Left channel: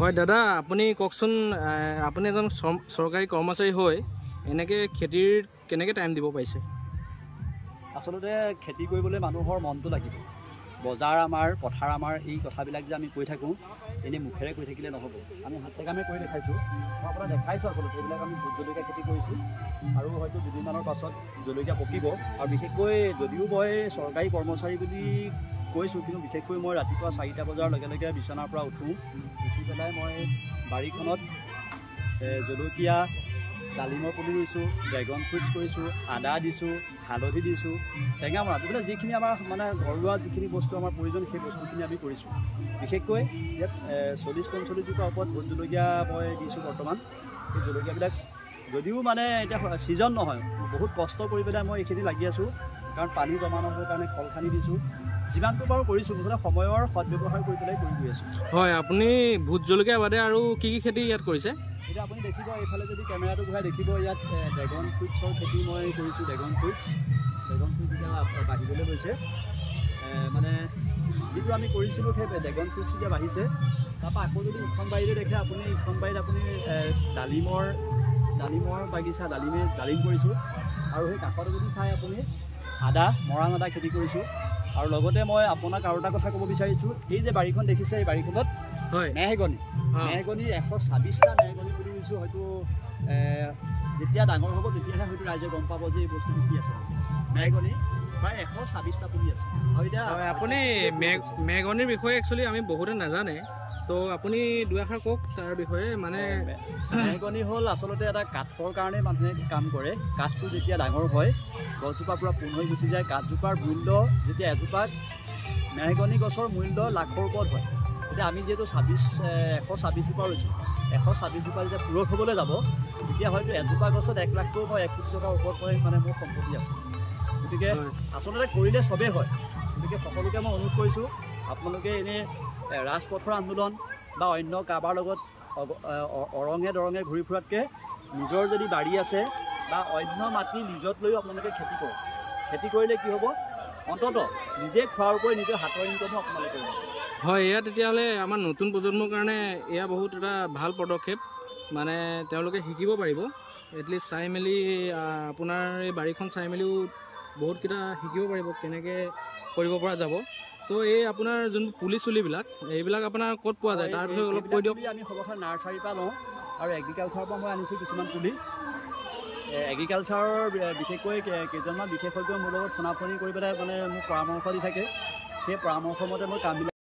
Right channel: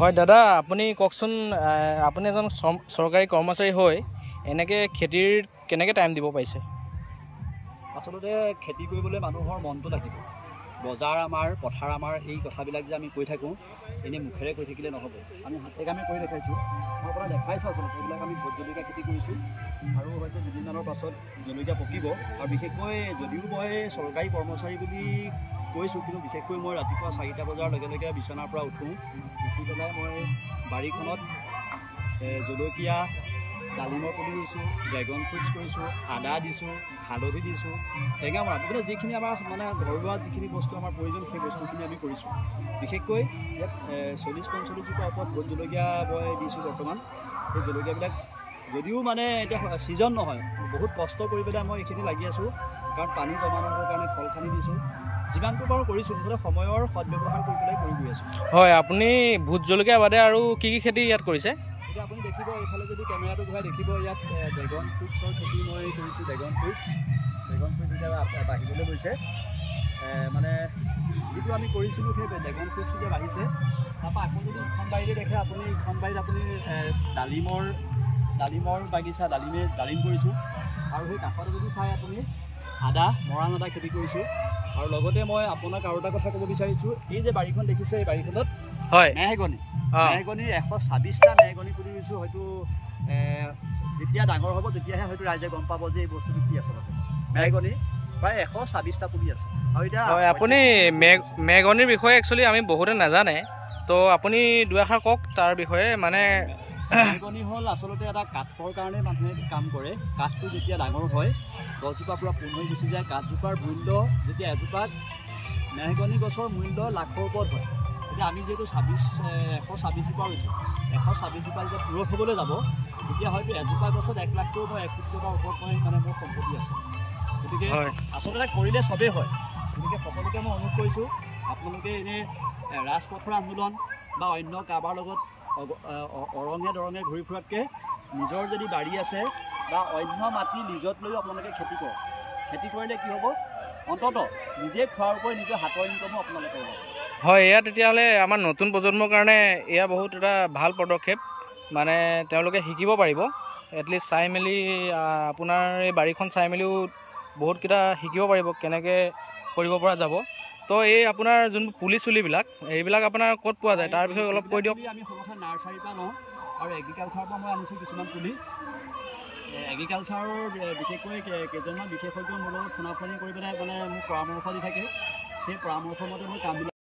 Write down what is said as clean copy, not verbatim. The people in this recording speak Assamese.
হয় দাদা, আপুনি কওকচোন, আপুনি এজন চৰকাৰী কৰ্মচাৰী হৈ এনেকৈ খেতিৰ কেনেকৈ টাইম দিব পাৰিছে? আচলতে খেতি কৰিবলৈ মানুহৰ মনটো লাগিব। বজাৰ আমাৰ, পথাৰ আমাৰ, এই কথাবিলাক যে আমি কৈ থাকোঁ, এনেই মুখেৰে কৈ থাকিলে নহ'ব। আমি হাতে কামে কৰি দেখাইছোঁ। মই আপোনাক দেখাইছোঁ আচলতে এইবিলাক আমি ভোট জলকীয়া খেতি কৰিছোঁ আৰু হয়তো দুদিনমানৰ পাছত জলকীয়া পকিব। আৰু বিশেষকৈ যদিও মই চৰকাৰী কৰ্মচাৰী বুলি কৈছোঁ, কিন্তু বিশেষকৈ মই ৰাতিপুৱা 4টা বজাৰ লগে লগে বিচনাৰ পৰা উঠি পেলাই মই বাৰীখনত জলকীয়া, ডালিমৰ পুলি ৰুইছোঁ, ড্ৰেগন ফ্ৰুটছ কৰিছোঁ, আদা দিছোঁ, হালধি দিছোঁ, টেঙামৰা, বিভিন্ন যিখিনি আমাৰ মানে ঘৰুৱা যিখিনি বস্তু আমাৰ প্ৰয়োজন সেই বস্তুখিনি আমি কৰিছোঁ। বিশেষকৈ ইয়াত 40-45 জোপা ওপৰত ভোট জলকীয়া মই দিছোঁ বৰ্তমান। সেই জলকীয়াবিলাক যদিও মানে এতিয়া ছিজন নহয়, বহুত কষ্ট কৰি পেলাই মই এইখিনি লাগি আছোঁ, কাৰণ পানী জমা নহ'বৰ কাৰণে ফল খানি দিছোঁ। যিমানটো বাৰু কৰিছোঁ, মুঠতে সময়ৰ সদব্যৱহাৰ কৰি পেলাই কৰি গৈ আছোঁ। হয়, আপুনি ভোট জলকীয়া বাদে আৰু কি কি খেতি ইয়াত কৰিছে? এতিয়া আপুনি দেখিব, এইফালে যদি কেমেৰাটো ঘূৰাই দেখিব, ইয়াত ড্ৰেগন ফ্ৰুটছৰ খেতি মই কৰিছোঁ। ড্ৰেগন ফ্ৰুটছ এতিয়া বাঢ়িবলৈ লৈছে, মানে যিটো আমি কৰিছিলোঁ সেই ড্ৰেগন ফ্ৰুটছ এতিয়া বাঢ়িছে। তাৰপৰা আকৌ যদি ইখন বাৰীতে দেখে আপুনি, ইখন বাৰীত আপুনি ডালিমৰ বাগিচা, ডালিম কৰিছোঁ। আৰু সেই কাষতে যদি চাই আপুনি মৰাণ আদা খেতি কৰিছোঁ। আৰু লগতে মই আপোনাক আৰু এটা কথা ক'ব বিচাৰিছোঁ, এই যে বাৰীখন দেখিছে, এই বাৰীখনত হয় মেহগনি 126টা মেহগনি পুলি ৰুইছোঁ। হয়তো যেতিয়া ডাঙৰ হ'ব তেতিয়াহে হয়তো ৰাইজে গম পাব যে এই বস্তুটো কি আছে। মেহগনি প্ৰায় 126টা পুলি আছে। আৰু এতিয়া আপুনি মেহগনিৰ বিষয়ে একচুৱেলি আমি বহুতে নাজানে, তো আপুনি দুই এষাৰ কওক তাৰ বিষয়ে। মানে মেহগনি হ'ল আচলতে এটা কাঠৰ কাৰণে মানুহে কাম কৰে। কাঠটো যেতিয়া ডাঙৰ হয়, গছজোপা পূৰা পোন হৈ গুচি যায়। কাঠজোপাৰ মূল্য যেতিয়া এজোপাত মেহগনি গছৰ মূল্য লাখৰ ওপৰত হয়। এতিয়া আমি যিহেতু 126 জোপা ৰুইছোঁ, 126 জোপা যেতিয়া পূৰঠ হ'বলৈ যাব, তেতিয়া হয়তো এজোপা গছত 1 লাখটো মই 1 কোটি টকাৰ ওপৰত মানে মোৰ সম্পত্তি আছে। গতিকে আচলতে কৰিলে চবেই হয়। গতিকে সকলোকে মই অনুৰোধ কৰিছোঁ, আপোনালোকে এনেই ৰাজপথৰ আন্দোলন বা অন্য কাৰোবাৰ লগত অৰঙে দৰঙে ঘূৰি ফুৰাতকৈ নিজৰ যদি বাৰী আছে বা অন্য মাটি লিজত লৈও আপোনালোকে খেতি কৰক। খেতি কৰিলে কি হ'ব, অন্ততঃ নিজে খোৱাৰ উপৰি নিজৰ হাতৰ ইনকমো আপোনালোকে কৰিব। হয়, এয়া তেতিয়াহ'লে আমাৰ নতুন প্ৰজন্মৰ কাৰণে এয়া বহুত এটা ভাল পদক্ষেপ। মানে তেওঁলোকে শিকিব পাৰিব, এটলিষ্ট চাই মেলি আপোনাৰ এই বাৰীখন চাই মেলিও বহুতকেইটা শিকিব পাৰিব কেনেকৈ কৰিব পৰা যাব। তো এই আপোনাৰ যোনবোৰ পুলি চুলিবিলাক, এইবিলাক আপোনাৰ ক'ত পোৱা যায় তাৰ বিষয়ে অলপ কৈ দিয়ক। আমি সৰ্বসাধাৰণ নাৰ্চাৰীৰ পৰা লওঁ আৰু এগ্ৰিকালচাৰৰ পৰা মই আনিছোঁ কিছুমান পুলি। এগ্ৰিকালচাৰৰ বিশেষকৈ কেইজনমান বিশেষজ্ঞ মোৰ লগত ফোনাফোনি কৰি পেলাই মানে মোক পৰামৰ্শ দি থাকে। সেই পৰামৰ্শ মতে মই কামবিলাক